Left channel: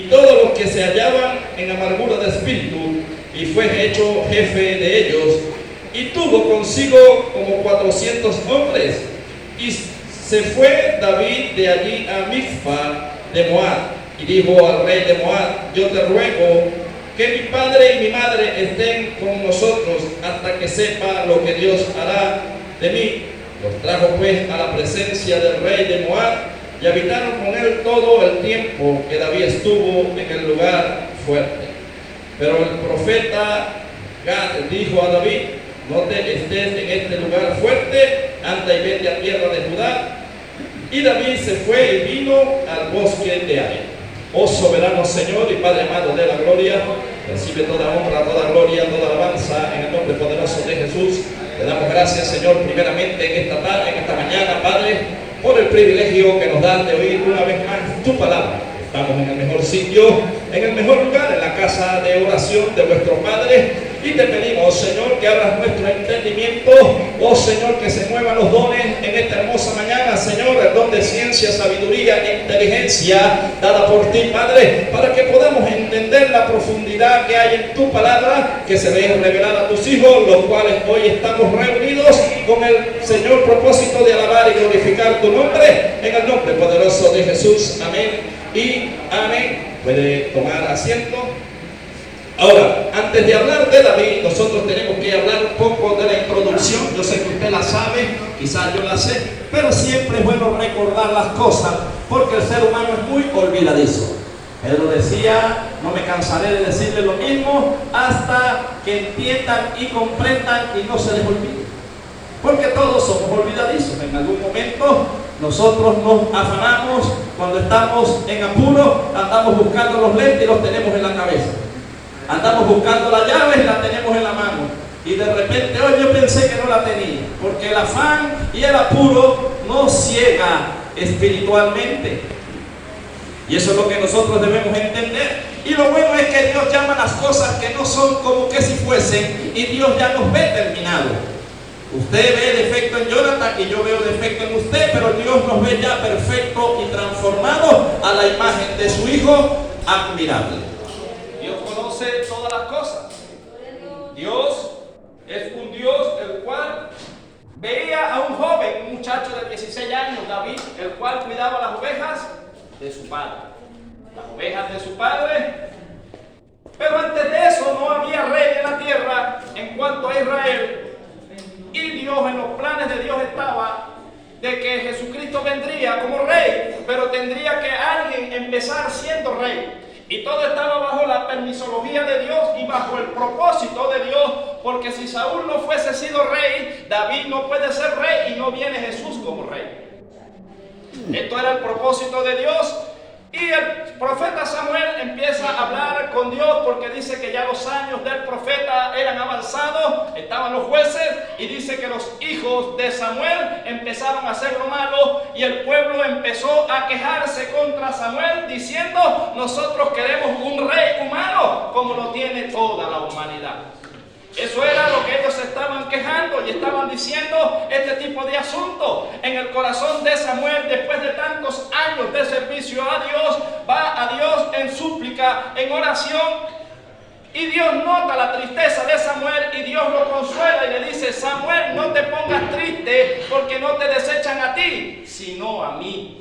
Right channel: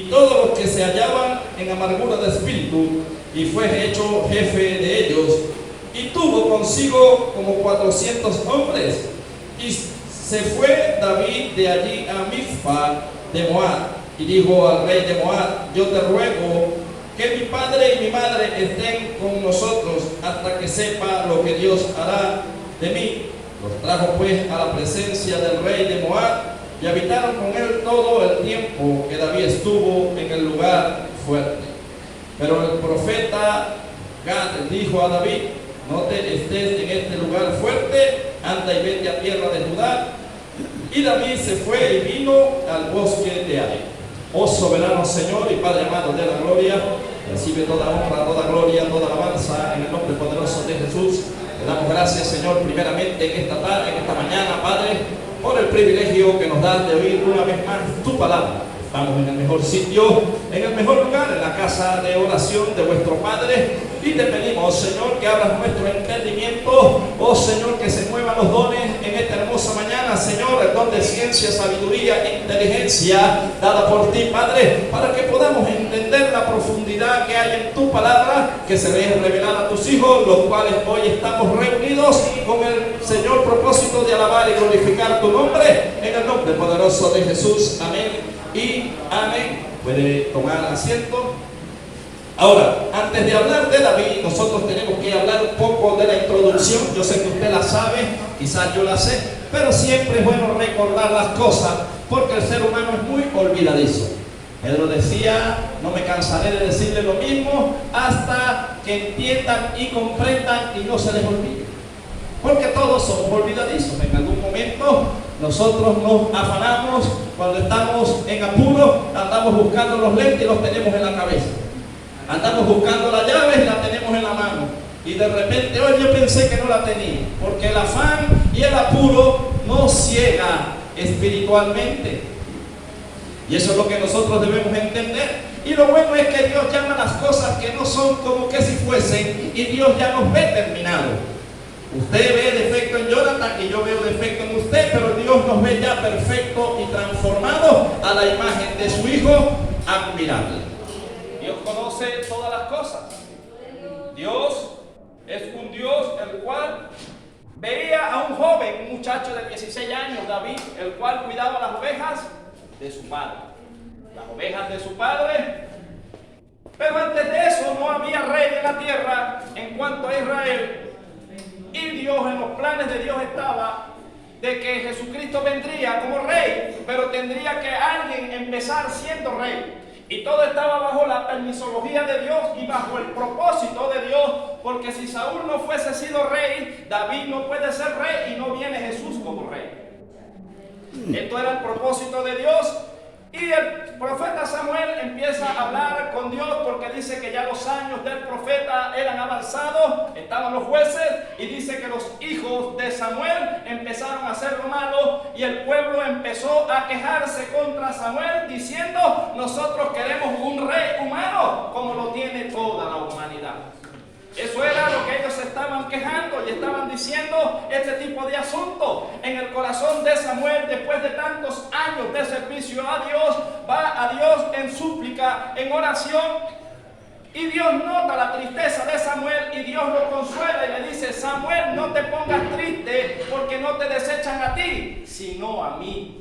y todos los que se hallaban en amargura de espíritu, y fue hecho jefe de ellos, y tuvo consigo como 400 hombres. Y se fue David de allí a Mizpa de Moab, y dijo al rey de Moab: yo te ruego que mi padre y mi madre estén con nosotros hasta que sepa lo que Dios hará de mí. Los trajo pues a la presencia del rey de Moab, y habitaron con él todo el tiempo que David estuvo en el lugar fuerte. Pero el profeta Gad dijo a David: no te estés en este lugar fuerte, anda y vete a tierra de Judá. Y David se fue y vino al bosque de Ai. Oh soberano Señor y Padre amado de la gloria, recibe toda honra, toda gloria, toda alabanza en el nombre poderoso de Jesús. Te damos gracias, Señor, primeramente en esta tarde, en esta mañana, Padre, por el privilegio que nos dan de oír una vez más tu palabra. Estamos en el mejor sitio, en el mejor lugar, en la casa de oración de vuestro Padre. Y te pedimos, Señor, que abras nuestro entendimiento. Oh Señor, que se muevan los dones en esta hermosa mañana, Señor, el don de ciencia, sabiduría e inteligencia dada por ti, Padre, para que podamos entender la profundidad que hay en tu palabra, que se ve revelada a tus hijos, los cuales hoy estamos reunidos con el Señor propósito de alabar y glorificar tu nombre, en el nombre poderoso de Jesús. Amén y amén. Puede tomar asiento. Ahora, antes de hablar de David, nosotros tenemos que hablar un poco de la introducción. Yo sé que usted la sabe, quizás yo la sé, pero siempre es bueno recordar las cosas, porque el ser humano es muy olvidadizo. Él lo decía: no me cansaré de decirle lo mismo hasta que entiendan y comprendan y no se les olvide. Porque todos somos olvidadizos. En algún momento nosotros nos afanamos, cuando estamos en apuro, andamos buscando los lentes y los tenemos en la cabeza. Andamos buscando la llave y la tenemos en la mano. Y de repente, hoy yo pensé que no la tenía. Porque el afán y el apuro nos ciega espiritualmente. Y eso es lo que nosotros debemos entender. Y lo bueno es que Dios llama las cosas que no son como que si fuesen. Y Dios ya nos ve terminado. Usted ve defecto en Jonathan y yo veo defecto en usted, pero Dios nos ve ya perfecto y transformado a la imagen de su Hijo admirable. Dios conoce todas las cosas. Dios es un Dios el cual veía a un joven, un muchacho de 16 años, David, el cual cuidaba las ovejas de su padre. Las ovejas de su padre. Pero antes de eso no había rey en la tierra en cuanto a Israel. Y Dios, en los planes de Dios estaba de que Jesucristo vendría como rey, pero tendría que alguien empezar siendo rey. Y todo estaba bajo la permisología de Dios y bajo el propósito de Dios, porque si Saúl no fuese sido rey, David no puede ser rey y no viene Jesús como rey. Esto era el propósito de Dios. Y el profeta Samuel empieza a hablar con Dios, porque dice que ya los años del profeta eran avanzados, estaban los jueces, y dice que los hijos de Samuel empezaron a hacer lo malo, y el pueblo empezó a quejarse contra Samuel diciendo: nosotros queremos un rey humano como lo tiene toda la humanidad. Eso era lo que ellos estaban quejando y estaban diciendo, este tipo de asuntos. En el corazón de Samuel, después de tantos años de servicio a Dios, va a Dios en súplica, en oración. Y Dios nota la tristeza de Samuel y Dios lo consuela y le dice: Samuel, no te pongas triste porque no te desechan a ti, sino a mí.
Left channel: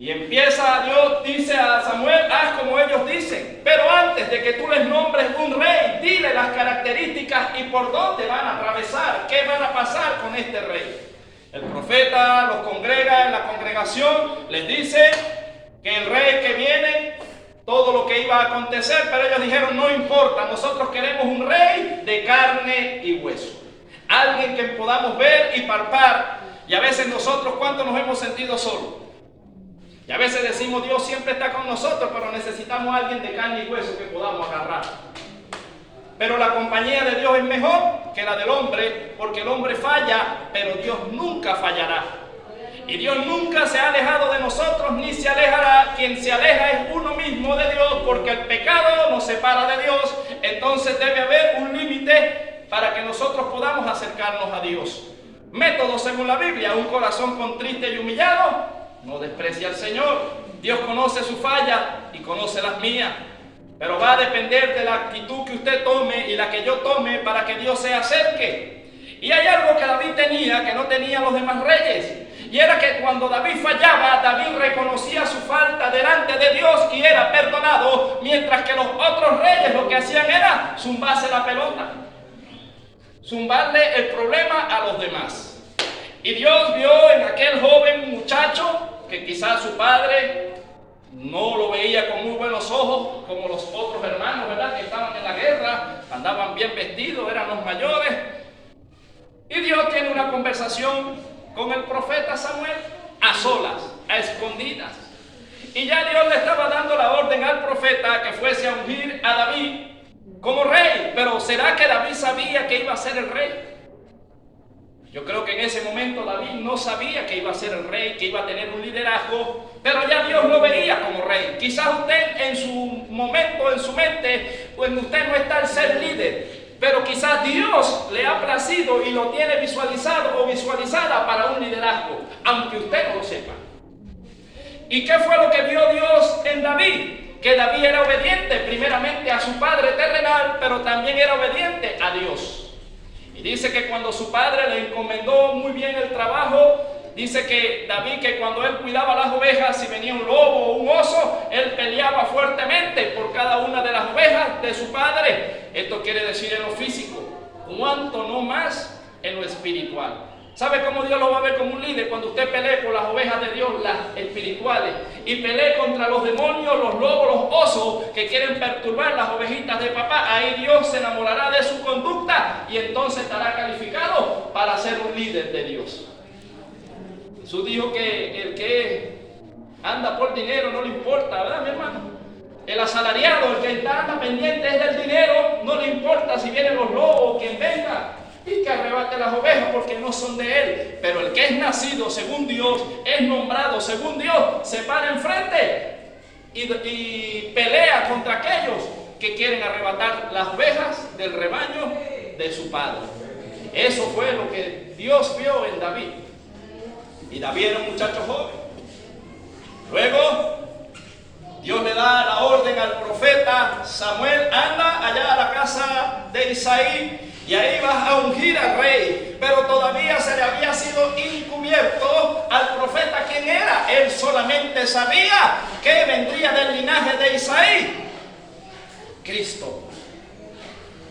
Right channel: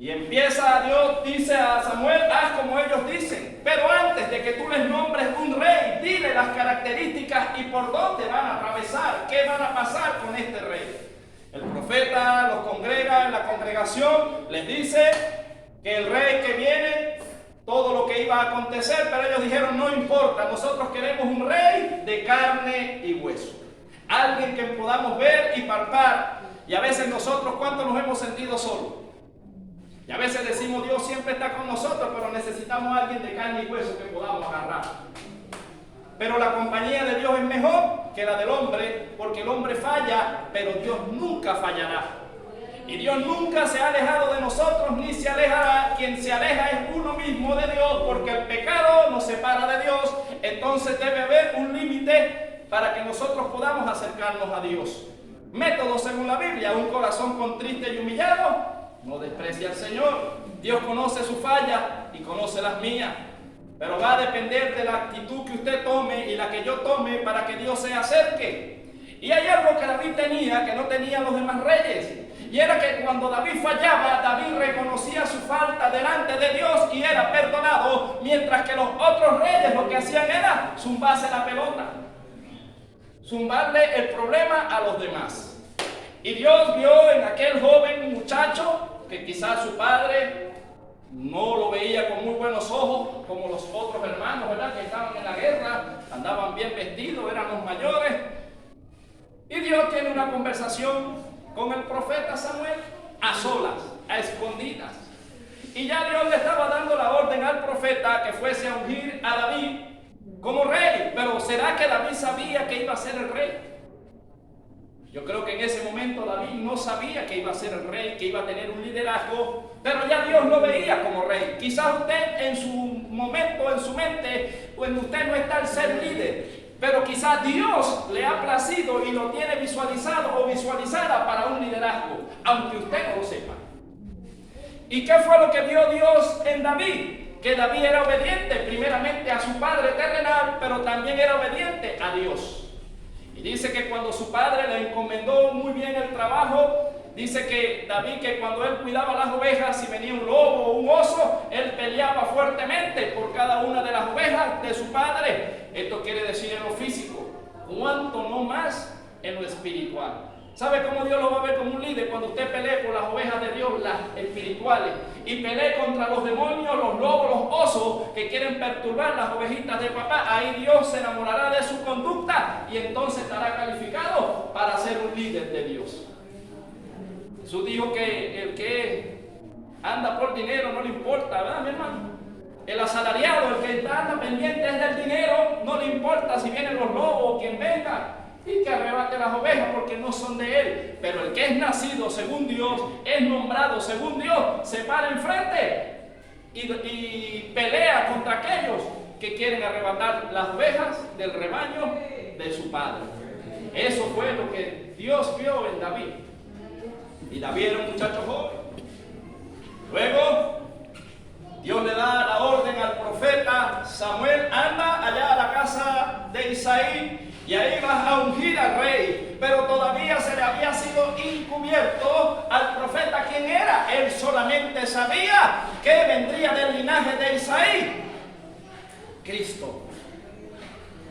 Y empieza Dios, dice a Samuel: haz como ellos dicen, pero antes de que tú les nombres un rey, dile las características y por dónde van a atravesar, qué van a pasar con este rey. El profeta los congrega en la congregación, les dice que el rey que viene, todo lo que iba a acontecer, pero ellos dijeron: no importa, nosotros queremos un rey de carne y hueso, alguien que podamos ver y palpar. Y a veces nosotros, ¿cuánto nos hemos sentido solos? Y a veces decimos: Dios siempre está con nosotros, pero necesitamos a alguien de carne y hueso que podamos agarrar. Pero la compañía de Dios es mejor que la del hombre, porque el hombre falla, pero Dios nunca fallará. Y Dios nunca se ha alejado de nosotros, ni se alejará. Quien se aleja es uno mismo de Dios, porque el pecado nos separa de Dios. Entonces debe haber un límite para que nosotros podamos acercarnos a Dios. Método según la Biblia: un corazón contrito y humillado No desprecie al Señor. Dios conoce su falla y conoce las mías. Pero va a depender de la actitud que usted tome y la que yo tome para que Dios se acerque. Y hay algo que David tenía que no tenían los demás reyes. Y era que cuando David fallaba, David reconocía su falta delante de Dios y era perdonado. Mientras que los otros reyes lo que hacían era zumbarse la pelota. Zumbarle el problema a los demás. Y Dios vio en aquel joven muchacho que quizás su padre no lo veía con muy buenos ojos, como los otros hermanos, ¿verdad?, que estaban en la guerra, andaban bien vestidos, eran los mayores. Y Dios tiene una conversación con el profeta Samuel a solas, a escondidas. Y ya Dios le estaba dando la orden al profeta que fuese a ungir a David como rey. Pero ¿será que David sabía que iba a ser el rey? Yo creo que en ese momento David no sabía que iba a ser el rey, que iba a tener un liderazgo, pero ya Dios lo veía como rey. Quizás usted en su momento, en su mente, pues usted no está el ser líder, pero quizás Dios le ha placido y lo tiene visualizado o visualizada para un liderazgo, aunque usted no lo sepa. ¿Y qué fue lo que vio Dios en David? Que David era obediente primeramente a su padre terrenal, pero también era obediente a Dios. Y dice que cuando su padre le encomendó muy bien el trabajo, dice que David, que cuando él cuidaba las ovejas, si venía un lobo o un oso, él peleaba fuertemente por cada una de las ovejas de su padre. Esto quiere decir en lo físico, cuanto no más en lo espiritual. ¿Sabe cómo Dios lo va a ver como un líder? Cuando usted pelee por las ovejas de Dios, las espirituales, y pelee contra los demonios, los lobos, los osos que quieren perturbar las ovejitas de papá. Ahí Dios se enamorará de su conducta y entonces estará calificado para ser un líder de Dios. Jesús dijo que el que anda por dinero no le importa, ¿verdad, mi hermano? El asalariado, el que anda pendiente es del dinero, no le importa si vienen los lobos o quien venga y que arrebate las ovejas porque no son de él. Pero el que es nacido según Dios, es nombrado según Dios, se para enfrente y pelea contra aquellos que quieren arrebatar las ovejas del rebaño de su padre. Eso fue lo que Dios vio en David. Y David era un muchacho joven. Luego Dios le da la orden al profeta Samuel: anda allá a la casa de Isaí y ahí vas a ungir al rey. Pero todavía se le había sido encubierto al profeta quién era. Él solamente sabía que vendría del linaje de Isaí, Cristo.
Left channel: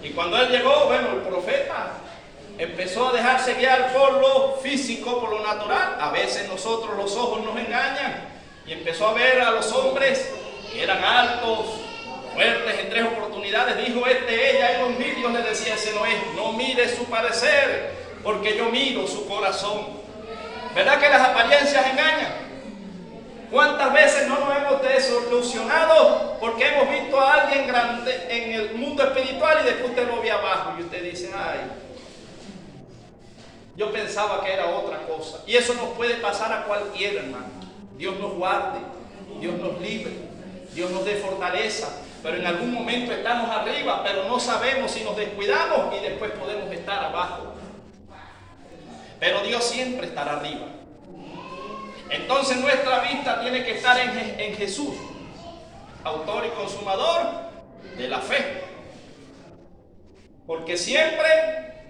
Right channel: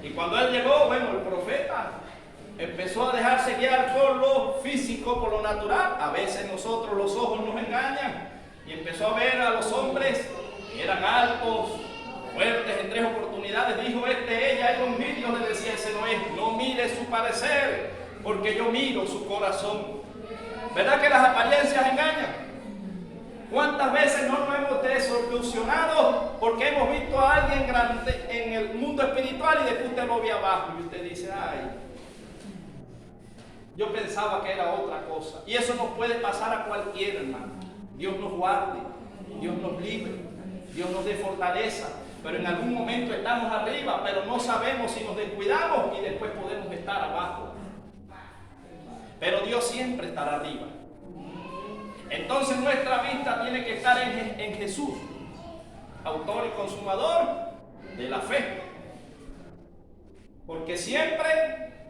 Y cuando él llegó, bueno, el profeta empezó a dejarse guiar por lo físico, por lo natural. A veces nosotros los ojos nos engañan. Y empezó a ver a los hombres que eran altos, fuertes. En 3 oportunidades dijo: ella, y los Dios le decía: ese no es. No mire su parecer, porque yo miro su corazón. ¿Verdad que las apariencias engañan? ¿Cuántas veces no nos hemos desilusionado porque hemos visto a alguien grande en el mundo espiritual y después usted lo ve abajo y usted dice: ay, yo pensaba que era otra cosa? Y eso nos puede pasar a cualquiera, hermano. Dios nos guarde, Dios nos libre, Dios nos dé fortaleza. Pero en algún momento estamos arriba, pero no sabemos si nos descuidamos y después podemos estar abajo. Pero Dios siempre estará arriba. Entonces nuestra vista tiene que estar en Jesús, autor y consumador de la fe. Porque siempre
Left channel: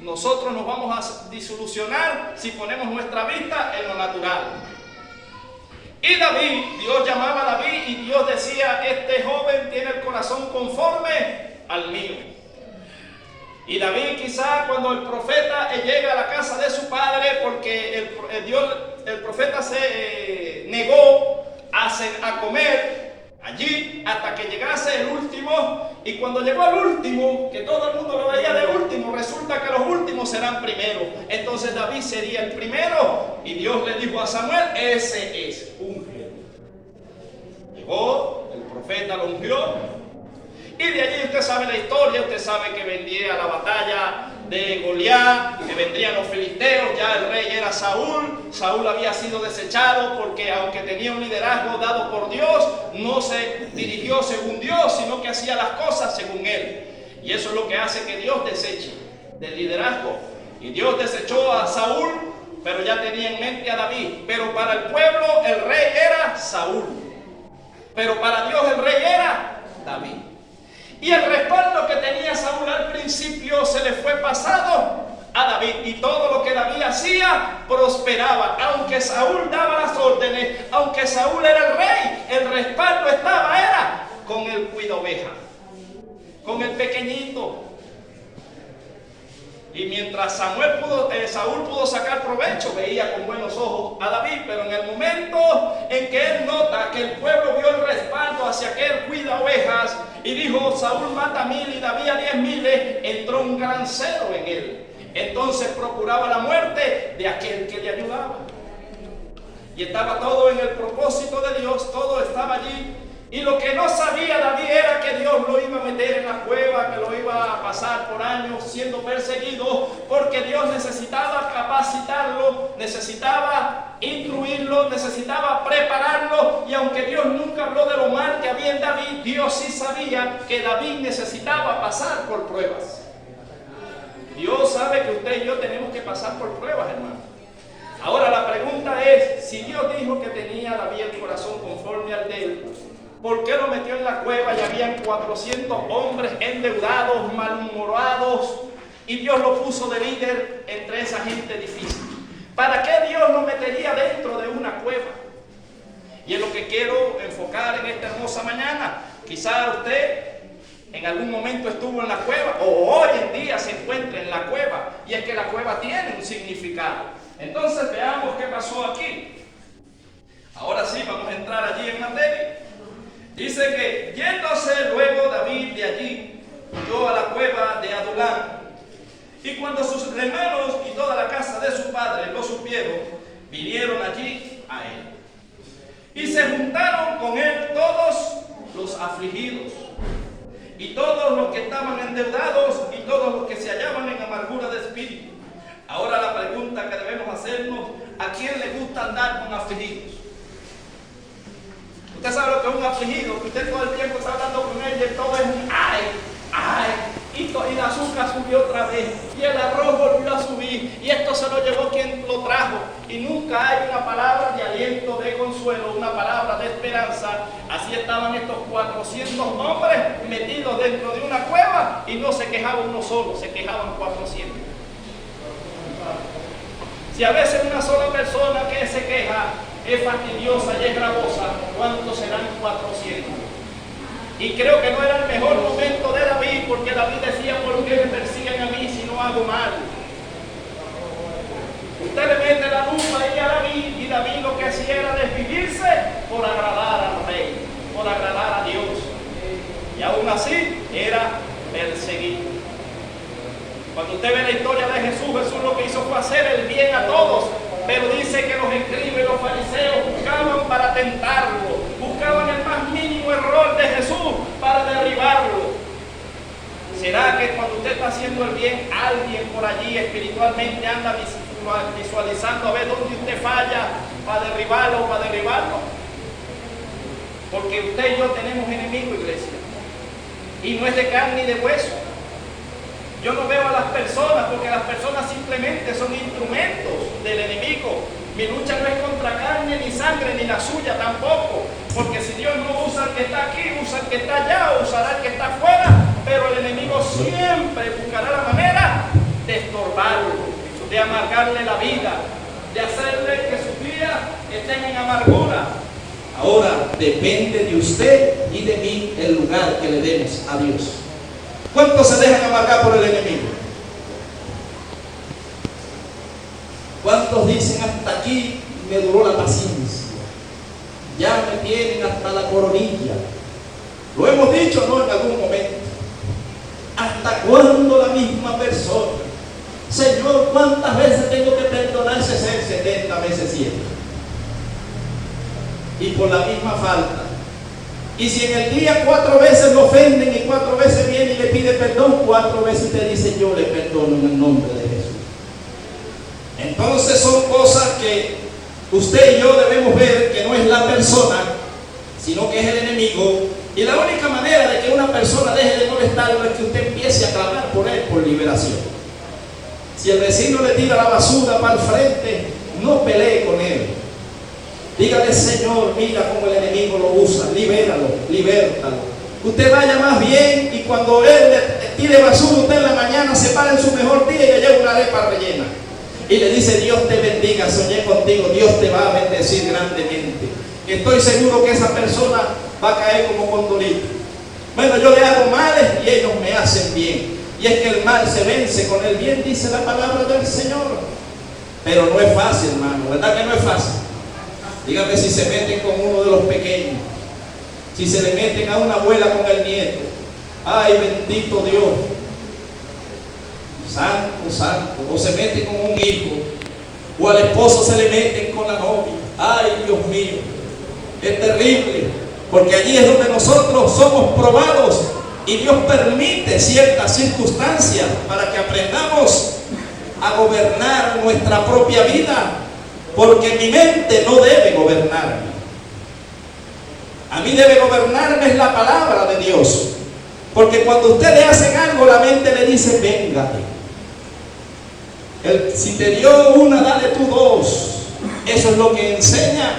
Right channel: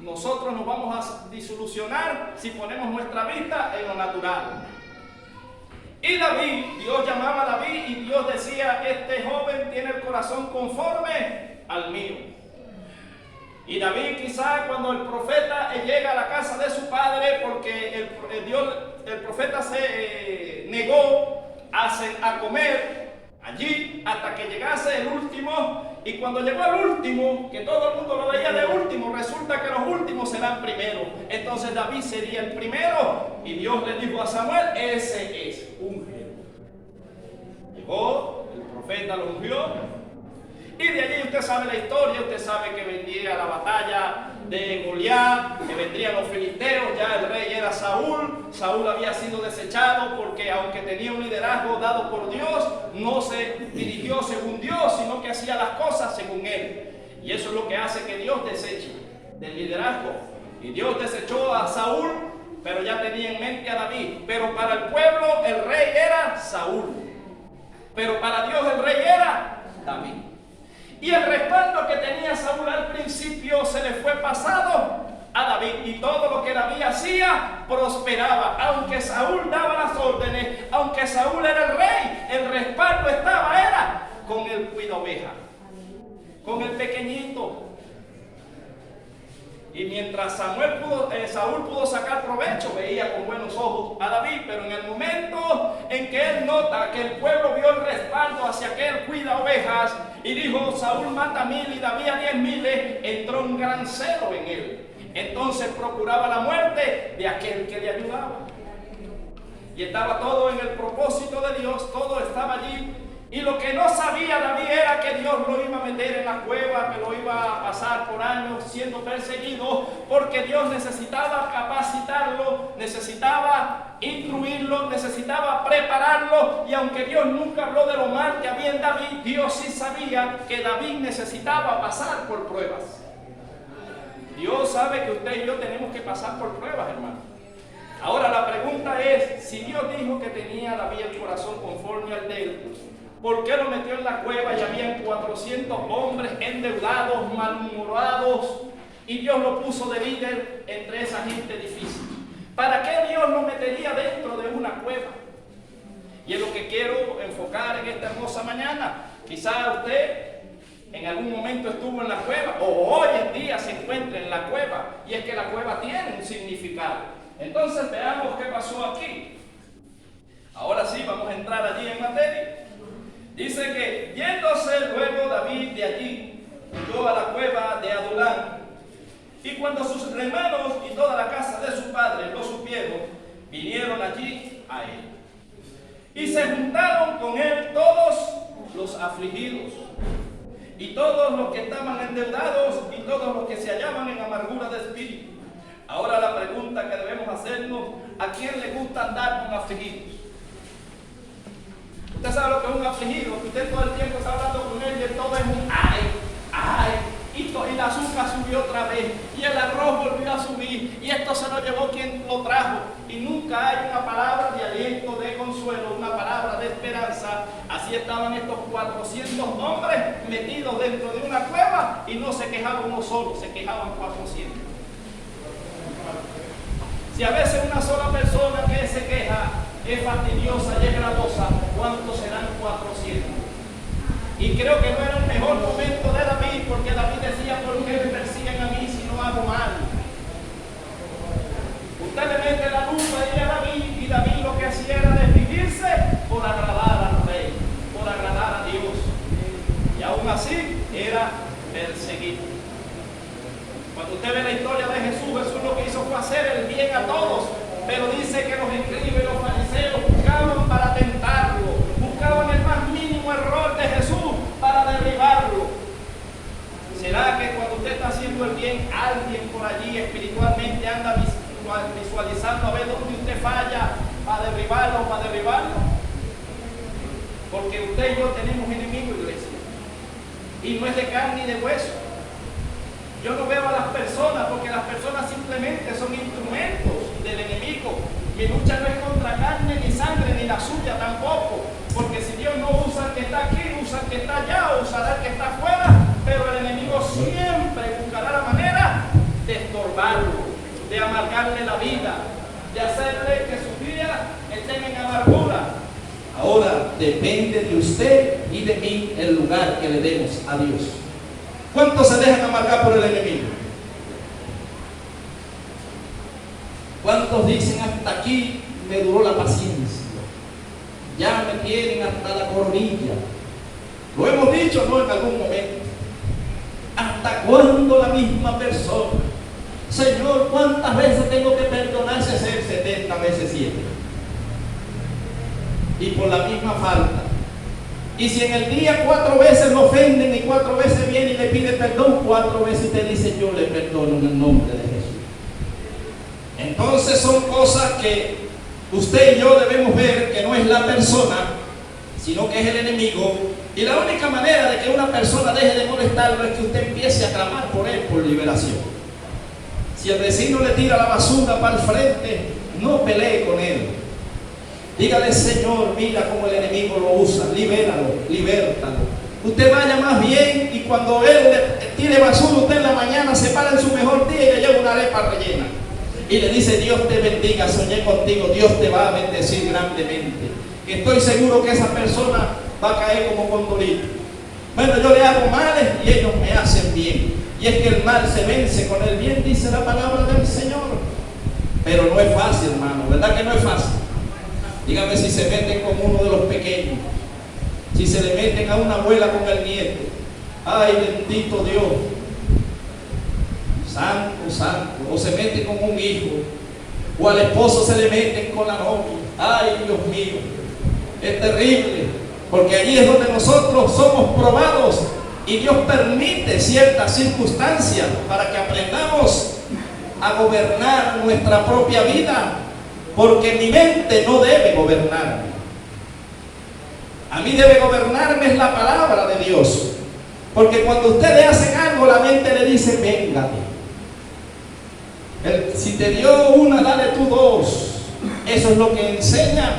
nosotros nos vamos a desilusionar si ponemos nuestra vista en lo natural. Y David, Dios llamaba a David y Dios decía: este joven tiene el corazón conforme al mío. Y David, quizá cuando el profeta llega a la casa de su padre, porque el profeta se negó a comer allí hasta que llegase el último. Y cuando llegó el último, que todo el mundo lo veía de último, resulta que los últimos serán primeros. Entonces David sería el primero. Y Dios le dijo a Samuel: ese es, unge. Llegó, el profeta lo ungió. Y de allí usted sabe la historia, usted sabe que vendría la batalla de Goliat, que vendrían los filisteos. Ya el rey era Saúl. Saúl había sido desechado porque, aunque tenía un liderazgo dado por Dios, no se dirigió según Dios, sino que hacía las cosas según él. Y eso es lo que hace que Dios deseche del liderazgo. Y Dios desechó a Saúl pero ya tenía en mente a David. Pero para el pueblo el rey era Saúl, pero para Dios el rey era David. Y el respaldo que tenía Saúl al principio se le fue pasado a David, y todo lo que David hacía prosperaba. Aunque Saúl daba las órdenes, aunque Saúl era el rey, el respaldo era con el cuida oveja, con el pequeñito. Y mientras Saúl pudo sacar provecho, veía con buenos ojos a David, pero en el momento en que él nota que el pueblo vio el respaldo hacia aquel cuida ovejas y dijo: Saúl mata 1000 y David a 10,000, entró un gran celo en él. Entonces procuraba la muerte de aquel que le ayudaba. Y estaba todo en el propósito de Dios, todo estaba allí. Y lo que no sabía David era que Dios lo iba a meter en la cueva, que lo iba a pasar por años siendo perseguido, porque Dios necesitaba capacitarlo, necesitaba instruirlo, necesitaba prepararlo. Y aunque Dios nunca habló de lo mal que había en David, Dios sí sabía que David necesitaba pasar por pruebas. Dios sabe que usted y yo tenemos que pasar por pruebas, hermano. Ahora la pregunta es, si Dios dijo que tenía a David el corazón conforme al de él, ¿por qué lo metió en la cueva y habían 400 hombres endeudados, malhumorados, y Dios lo puso de líder entre esa gente difícil? ¿Para qué Dios lo metería dentro de una cueva? Y es lo que quiero enfocar en esta hermosa mañana. Quizá usted en algún momento estuvo en la cueva, o hoy en día se encuentra en la cueva, y es que la cueva tiene un significado. Entonces veamos qué pasó aquí. Ahora sí, vamos a entrar allí en materia. Dice que yéndose luego David de allí, huyó a la cueva de Adulam. Y cuando sus hermanos y toda la casa de su padre lo supieron, vinieron allí a él. Y se juntaron con él todos los afligidos, y todos los que estaban endeudados, y todos los que se hallaban en amargura de espíritu. Ahora la pregunta que debemos hacernos: ¿a quién le gusta andar con afligidos? Usted sabe lo que es un afligido, que usted todo el tiempo está hablando con él y todo es un ay, ay, y el azúcar subió otra vez, y el arroz volvió a subir, y esto se lo llevó quien lo trajo, y nunca hay una palabra de aliento, de consuelo, una palabra de esperanza. Así estaban estos 400 hombres metidos dentro de una cueva, y no se quejaba uno solo, se quejaban 400. Si a veces una sola persona que se queja es fastidiosa y es gravosa, ¿cuántos serán 400? Y creo que no era el mejor momento de David, porque David decía: ¿por qué me persiguen a mí si no hago mal? Usted le mete la lupa ahí a David, y David lo que hacía era desvivirse por agradar al rey, por agradar a Dios, y aún así era perseguido. Cuando usted ve la historia de Jesús, Jesús lo que hizo fue hacer el bien a todos, pero dice que los escribas y los fariseos buscaban para tentarlo, buscaban el más mínimo error de Jesús para derribarlo. ¿Será que cuando usted está haciendo el bien, alguien por allí espiritualmente anda visualizando a ver dónde usted falla para derribarlo? Porque usted y yo tenemos enemigo, iglesia, y no es de carne y de hueso. Yo no veo a las personas, porque las personas simplemente son instrumentos del enemigo. Mi lucha no es contra carne ni sangre, ni la suya tampoco, porque si Dios no usa al que está aquí, usa al que está allá, o usará al que está afuera, pero el enemigo siempre buscará la manera de estorbarlo, de amargarle la vida, de hacerle que sus días estén en amargura. Ahora depende de usted y de mí el lugar que le demos a Dios. ¿Cuántos se dejan amargar por el enemigo? ¿Cuántos dicen: hasta aquí me duró la paciencia, ya me tienen hasta la coronilla? Lo hemos dicho, ¿no?, en algún momento. ¿Hasta cuándo la misma persona? Señor, ¿cuántas veces tengo que perdonar? 70 veces 7. Y por la misma falta. Y si en el día 4 veces lo ofenden y 4 veces viene y le pide perdón, 4 veces te dice: yo le perdono en el nombre de Jesús. Entonces son cosas que usted y yo debemos ver, que no es la persona, sino que es el enemigo. Y la única manera de que una persona deje de molestarlo es que usted empiece a clamar por él por liberación. Si el vecino le tira la basura para el frente, no pelee con él. Dígale, Señor, mira cómo el enemigo lo usa, libéralo, libértalo. Usted vaya más bien y cuando él le tire basura, usted en la mañana se para en su mejor día y le lleva una arepa rellena. Y le dice, Dios te bendiga, soñé contigo, Dios te va a bendecir grandemente. Y estoy seguro que esa persona va a caer como condorito. Bueno, yo le hago males y ellos me hacen bien. Y es que el mal se vence con el bien, dice la palabra del Señor. Pero no es fácil, hermano, ¿verdad que no es fácil? Dígame si se meten con uno de los pequeños, si se le meten a una abuela con el nieto. Ay, bendito Dios, santo, santo. O se mete con un hijo, o al esposo se le meten con la novia. Ay, Dios mío, es terrible, porque allí es donde nosotros somos probados y Dios permite ciertas circunstancias para que aprendamos a gobernar nuestra propia vida, porque mi mente no debe gobernarme. A mí debe gobernarme la palabra de Dios, porque cuando usted le hacen algo, la mente le dice, véngate. Si te dio una, dale tú dos. Eso es lo que enseña